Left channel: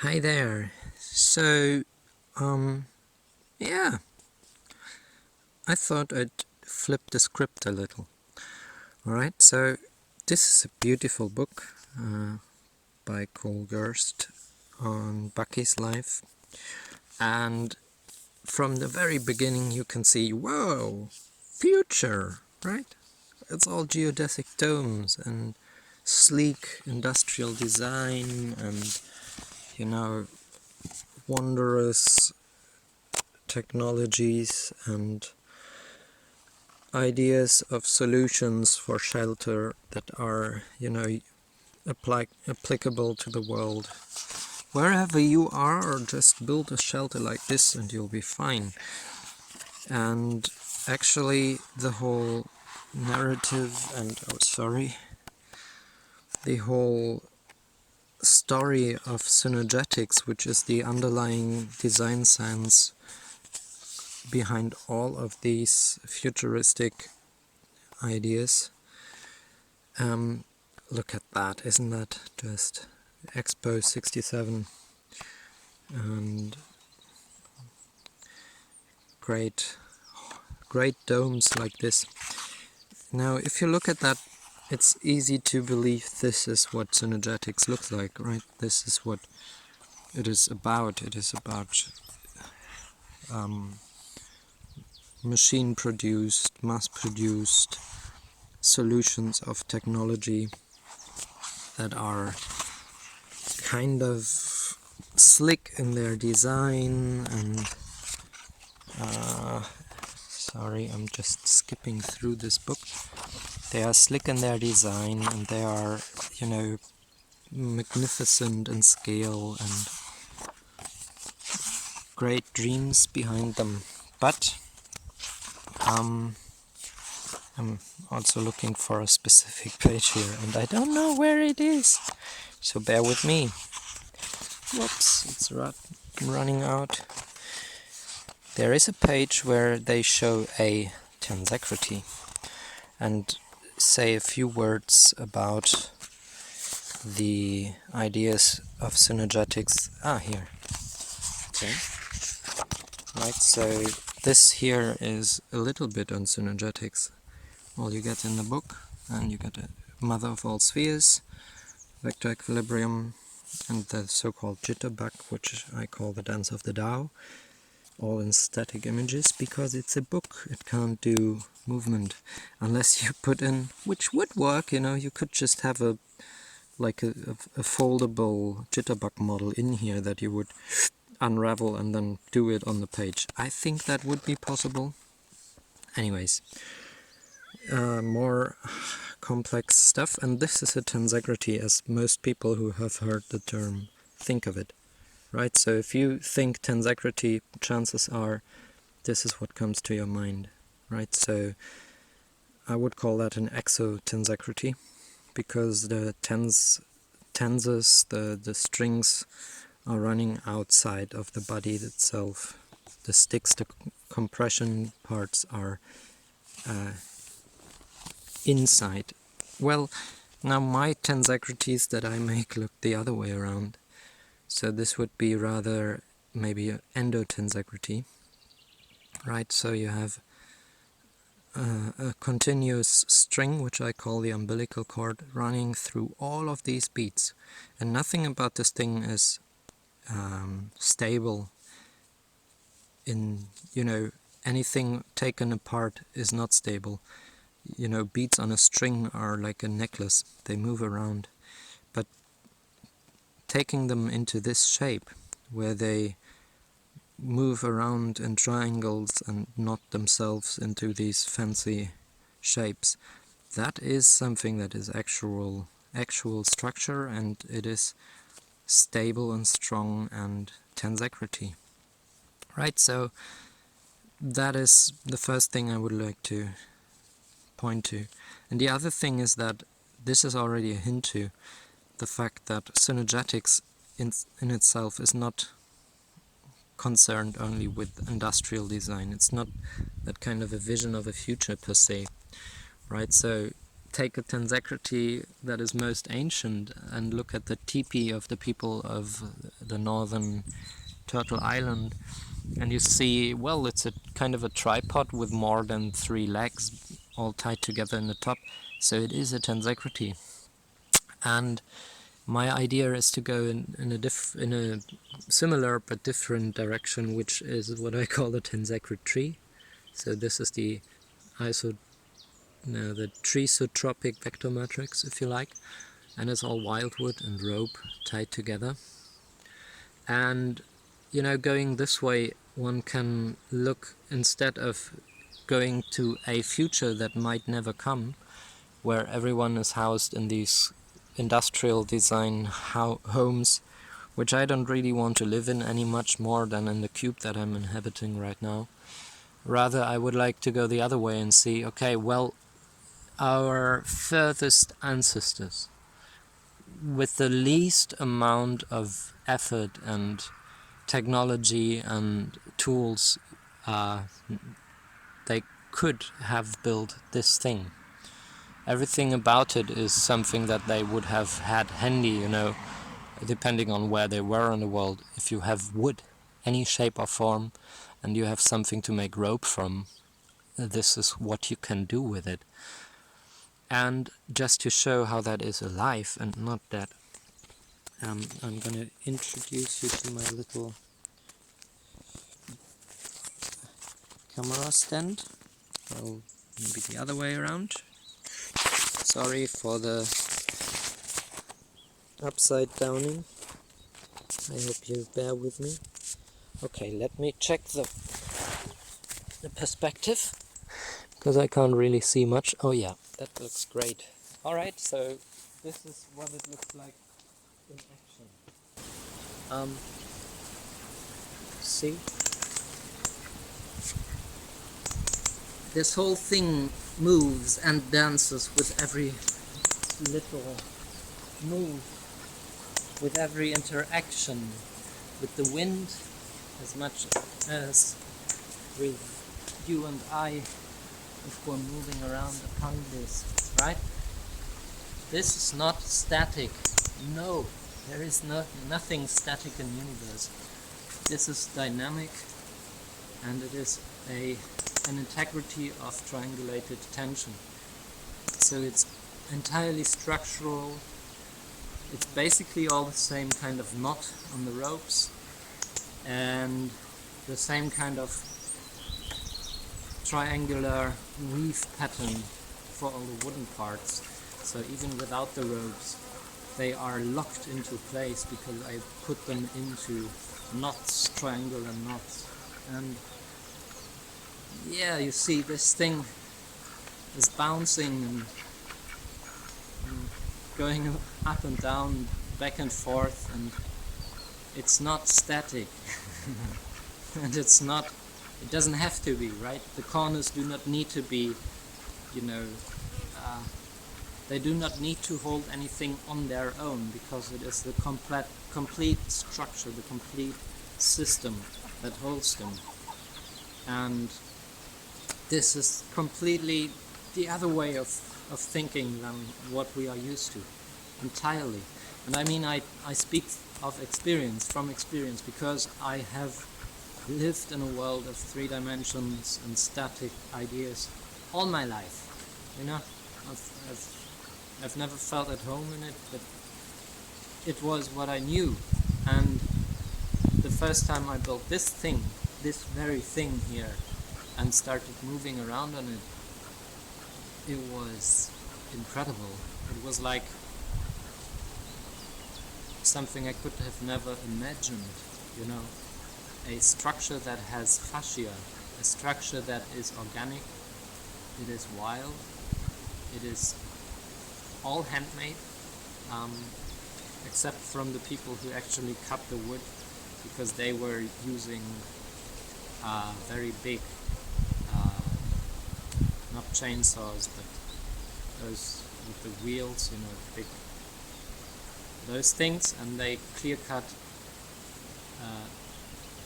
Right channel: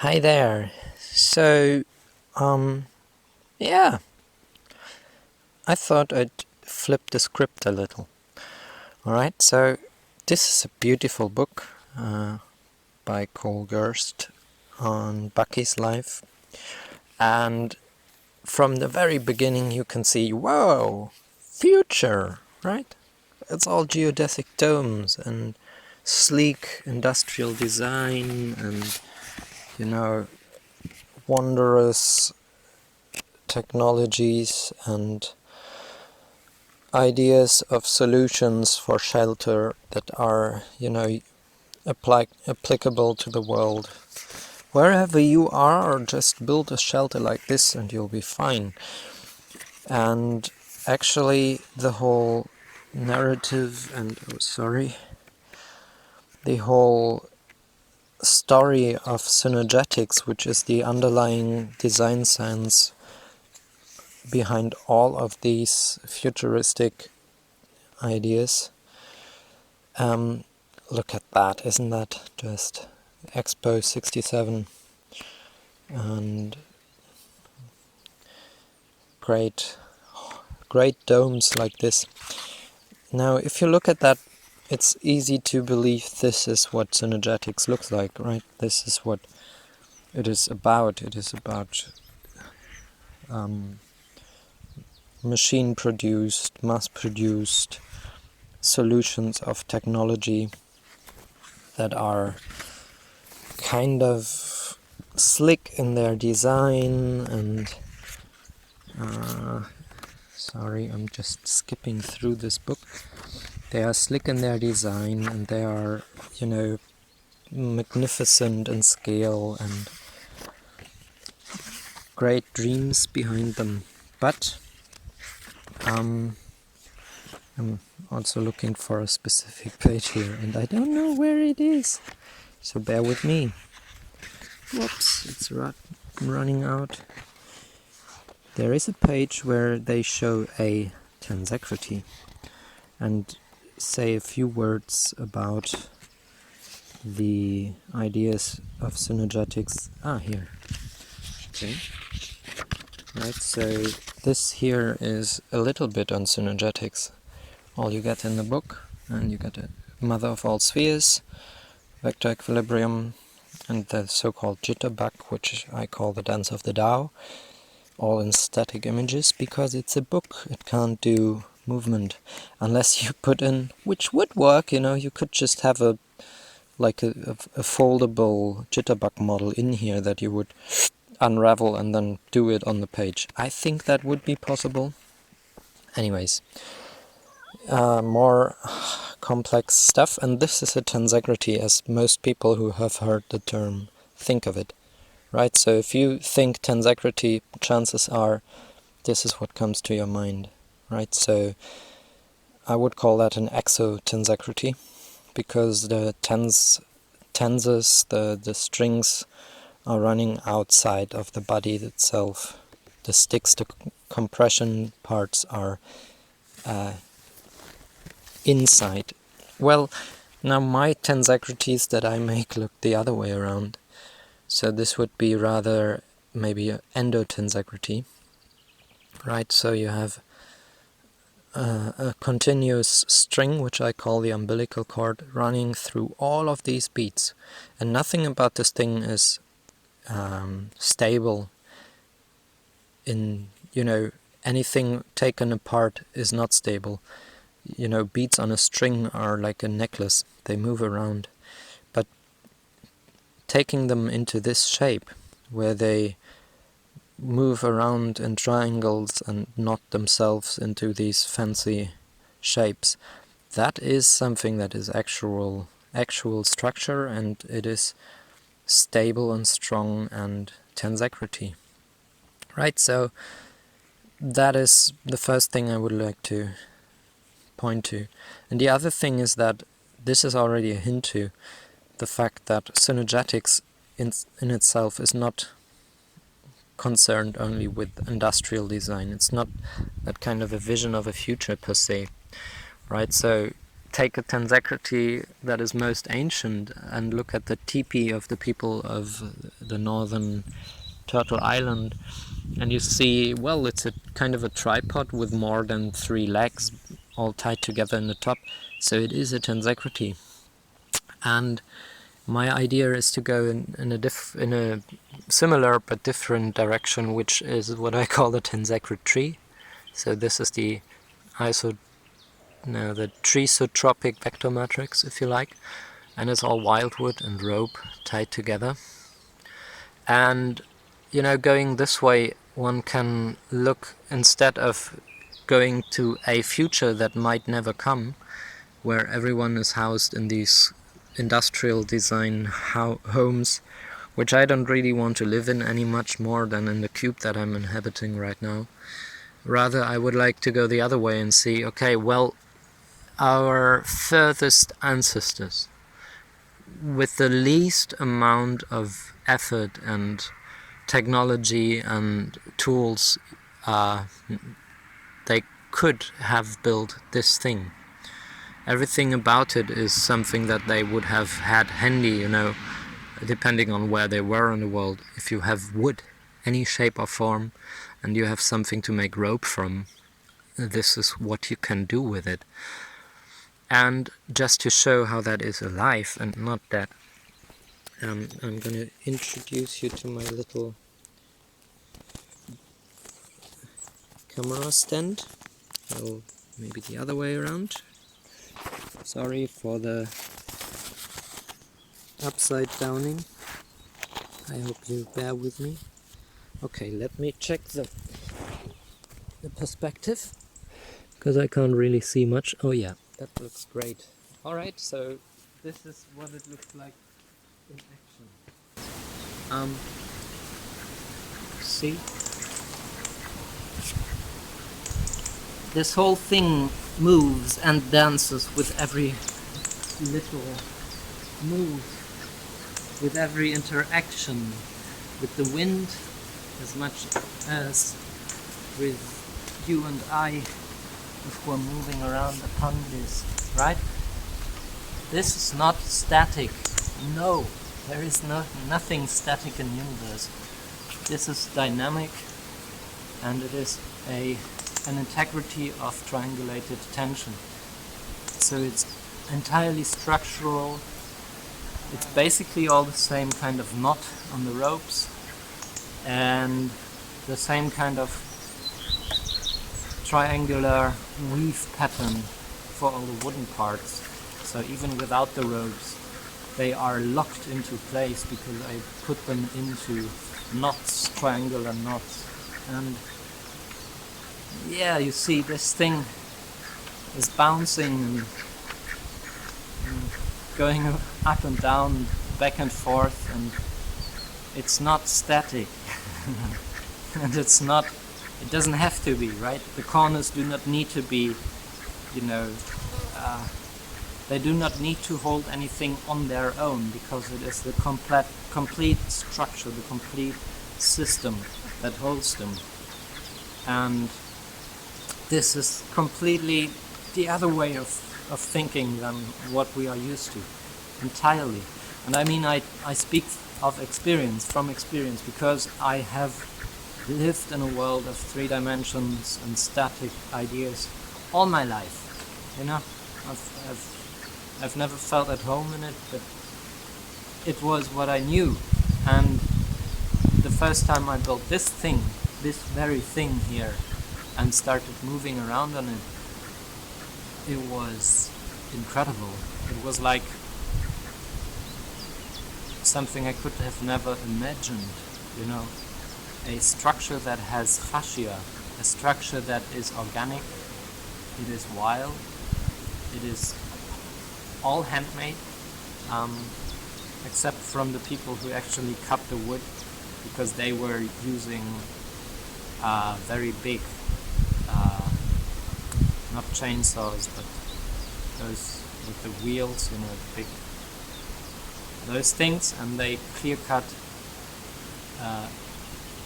Hi there. So, yeah, I thought I'd flip the script a little. Alright, so this is a beautiful book by Cole Gerst on Bucky's life. And from the very beginning you can see, whoa, future, right? It's all geodesic domes and sleek industrial design and, wondrous technologies and ideas of solutions for shelter that are, applicable to the world. Wherever you are, just build a shelter like this and you'll be fine. And actually the whole narrative and, the whole story of Synergetics, which is the underlying design science behind all of these futuristic ideas. Look at that, isn't that just Expo 67? And great domes like this. Now, if you look at that, it's easy to believe this is what Synergetics looks like, right? This is what it is about. It is about machine-produced, mass-produced solutions of technology that are kind of slick in their design and sorry, I'm just skipping through this book. They are slick in their design and they are, magnificent in scale and great dreams behind them. But I'm also looking for a specific page here and I don't know where it is, so bear with me. Whoops, it's running out. There is a page where they show a tensegrity and say a few words about the ideas of Synergetics. Here. Okay. Right, so this here is a little bit on Synergetics. All you get in the book, and you get a mother of all spheres, vector equilibrium, and the so-called jitterbug, which I call the dance of the Tao, all in static images, because it's a book. It can't do movement unless you put in, which would work, you could just have a foldable jitterbug model in here that you would unravel and then do it on the page. I think that would be possible. Anyways, more complex stuff, and this is a tensegrity as most people who have heard the term think of it. Right, so if you think tensegrity, chances are this is what comes to your mind. Right, so I would call that an exo-tensegrity, because the tenses, the strings are running outside of the body itself. The sticks, the compression parts are inside. Well, now my tensegrities that I make look the other way around. So this would be rather maybe an endotensegrity, right? So you have a continuous string, which I call the umbilical cord, running through all of these beads. And nothing about this thing is stable. Anything taken apart is not stable. Beads on a string are like a necklace. They move around. But taking them into this shape, where they move around in triangles and knot themselves into these fancy shapes, that is something that is actual structure, and it is stable and strong and tensegrity. Right, so that is the first thing I would like to point to. And the other thing is that this is already a hint to the fact that Synergetics in itself is not concerned only with industrial design. It's not that kind of a vision of a future per se, right? So take a tensegrity that is most ancient and look at the Tipi of the people of the northern Turtle Island, and you see, well, it's a kind of a tripod with more than 3 legs all tied together in the top, so it is a tensegrity. And my idea is to go in a similar but different direction, which is what I call the tensegritree. So this is the the trisotropic vector matrix, if you like, and it's all wildwood and rope tied together. And you know, going this way, one can look, instead of going to a future that might never come, where everyone is housed in these industrial design homes, which I don't really want to live in any much more than in the cube that I'm inhabiting right now. Rather, I would like to go the other way and see, okay, well, our furthest ancestors, with the least amount of effort and technology and tools, they could have built this thing. Everything about it is something that they would have had handy, you know, depending on where they were in the world. If you have wood, any shape or form, and you have something to make rope from, this is what you can do with it. And just to show how that is alive and not dead, I'm going to introduce you to my little camera stand. Well, maybe the other way around. Sorry for the upside downing. I hope you bear with me. Okay, let me check the perspective, because I can't really see much. Oh yeah, that looks great. Alright, so this is what it looks like in action. See? This whole thing moves and dances with every little move, with every interaction with the wind, as much as with you and I, if we're moving around upon this, right? This is not static. No, there is nothing static in the universe. This is dynamic, and it is an integrity of triangulated tension. So it's entirely structural. It's basically all the same kind of knot on the ropes and the same kind of triangular weave pattern for all the wooden parts. So even without the ropes, they are locked into place because I put them into knots, triangular knots. And yeah, you see, this thing is bouncing and going up and down, back and forth, and it's not static. And it doesn't have to be, right? The corners do not need to be, they do not need to hold anything on their own, because it is the complete structure, the complete system that holds them. And this is completely the other way of thinking than what we are used to, entirely. And I mean, I speak of experience, from experience, because I have lived in a world of 3 dimensions and static ideas all my life. You know, I've never felt at home in it, but it was what I knew. And the first time I built this thing, this very thing here, and started moving around on it, it was incredible. It was like something I could have never imagined, you know. A structure that has fascia, a structure that is organic, it is wild, it is all handmade, except from the people who actually cut the wood, because they were using very big, not chainsaws, but those with the wheels, you know, big, those things, and they clear cut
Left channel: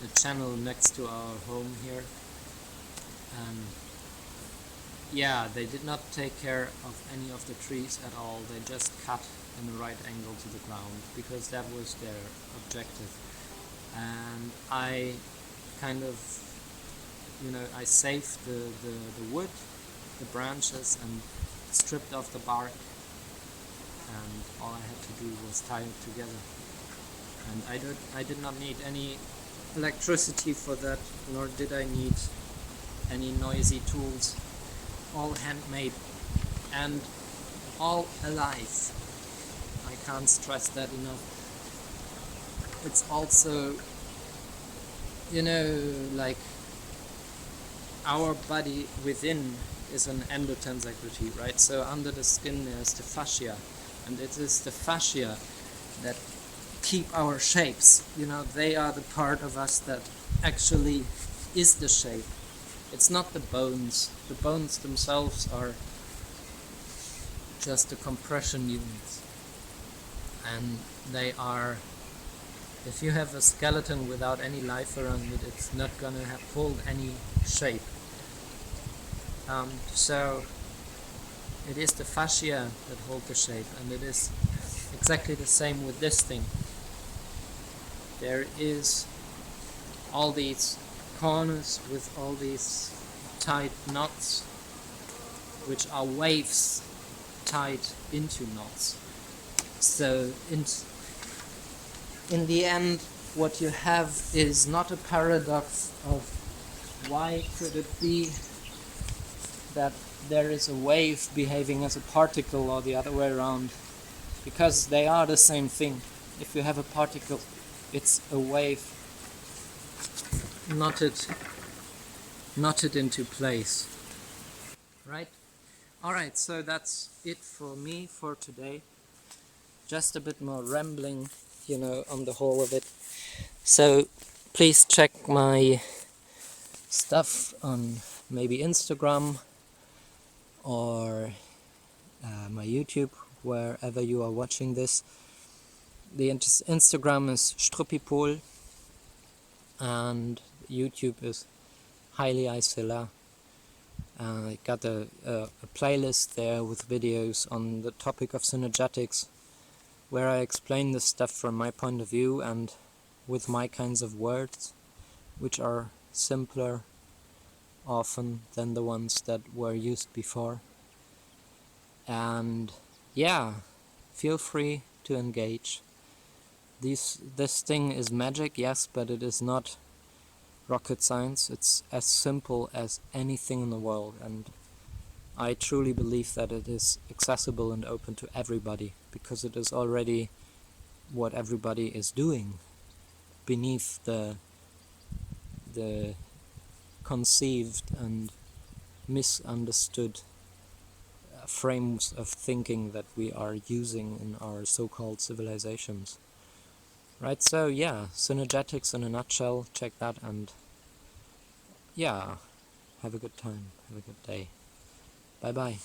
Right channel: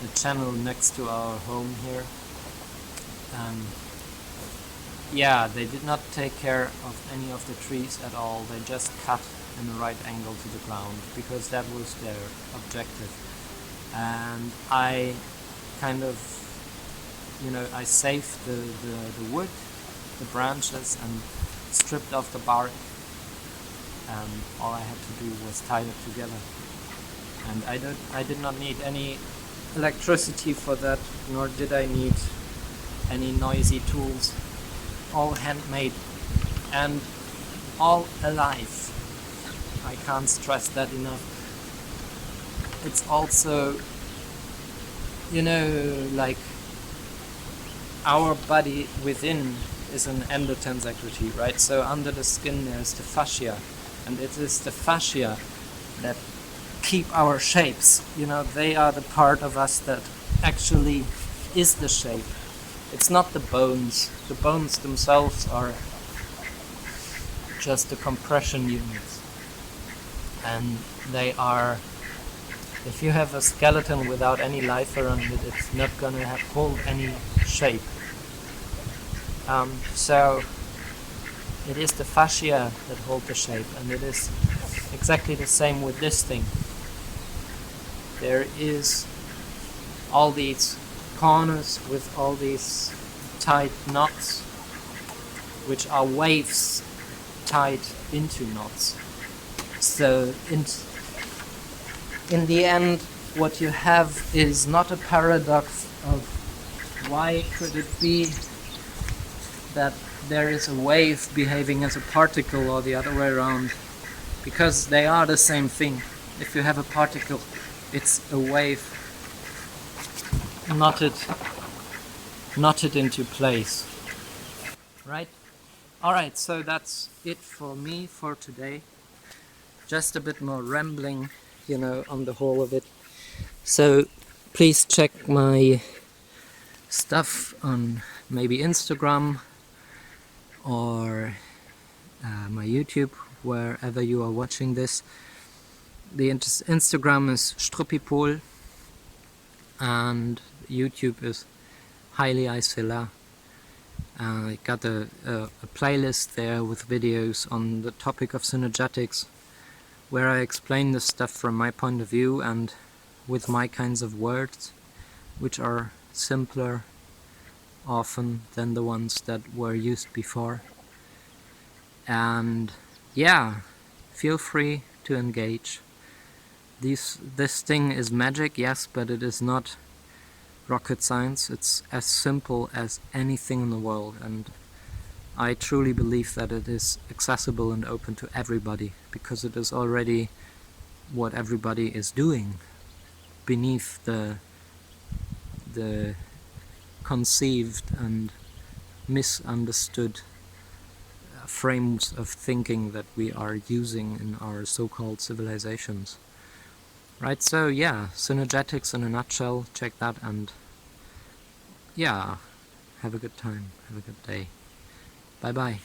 the channel next to our home here, yeah, they did not take care of any of the trees at all. They just cut in the right angle to the ground because that was their objective. And I kind of, I saved the wood, the branches, and stripped off the bark, and all I had to do was tie it together. And I did not need any electricity for that, nor did I need any noisy tools. All handmade and all alive. I can't stress that enough. It's also, like our body within is an endotensegritree, right? So under the skin there's the fascia, and it is the fascia that keep our shapes. They are the part of us that actually is the shape. It's not the bones. The bones themselves are just the compression units. And they are, if you have a skeleton without any life around it, it's not gonna hold any shape. So it is the fascia that hold the shape, and it is exactly the same with this thing. There is all these corners with all these tied knots, which are waves tied into knots. So in the end, what you have is not a paradox of why could it be that there is a wave behaving as a particle or the other way around, because they are the same thing. If you have a particle, it's a wave knotted into place, right? Alright, so that's it for me for today. Just a bit more rambling, on the whole of it. So please check my stuff on maybe Instagram or my YouTube, wherever you are watching this. The Instagram is struppipol and YouTube is highly isela. I got a playlist there with videos on the topic of synergetics, where I explain this stuff from my point of view and with my kinds of words, which are simpler often than the ones that were used before. And yeah, feel free to engage. This thing is magic, yes, but it is not rocket science. It's as simple as anything in the world, and I truly believe that it is accessible and open to everybody, because it is already what everybody is doing beneath the conceived and misunderstood frames of thinking that we are using in our so-called civilizations. Right, so yeah, Synergetics in a nutshell, check that, and yeah, have a good time, have a good day. Bye bye.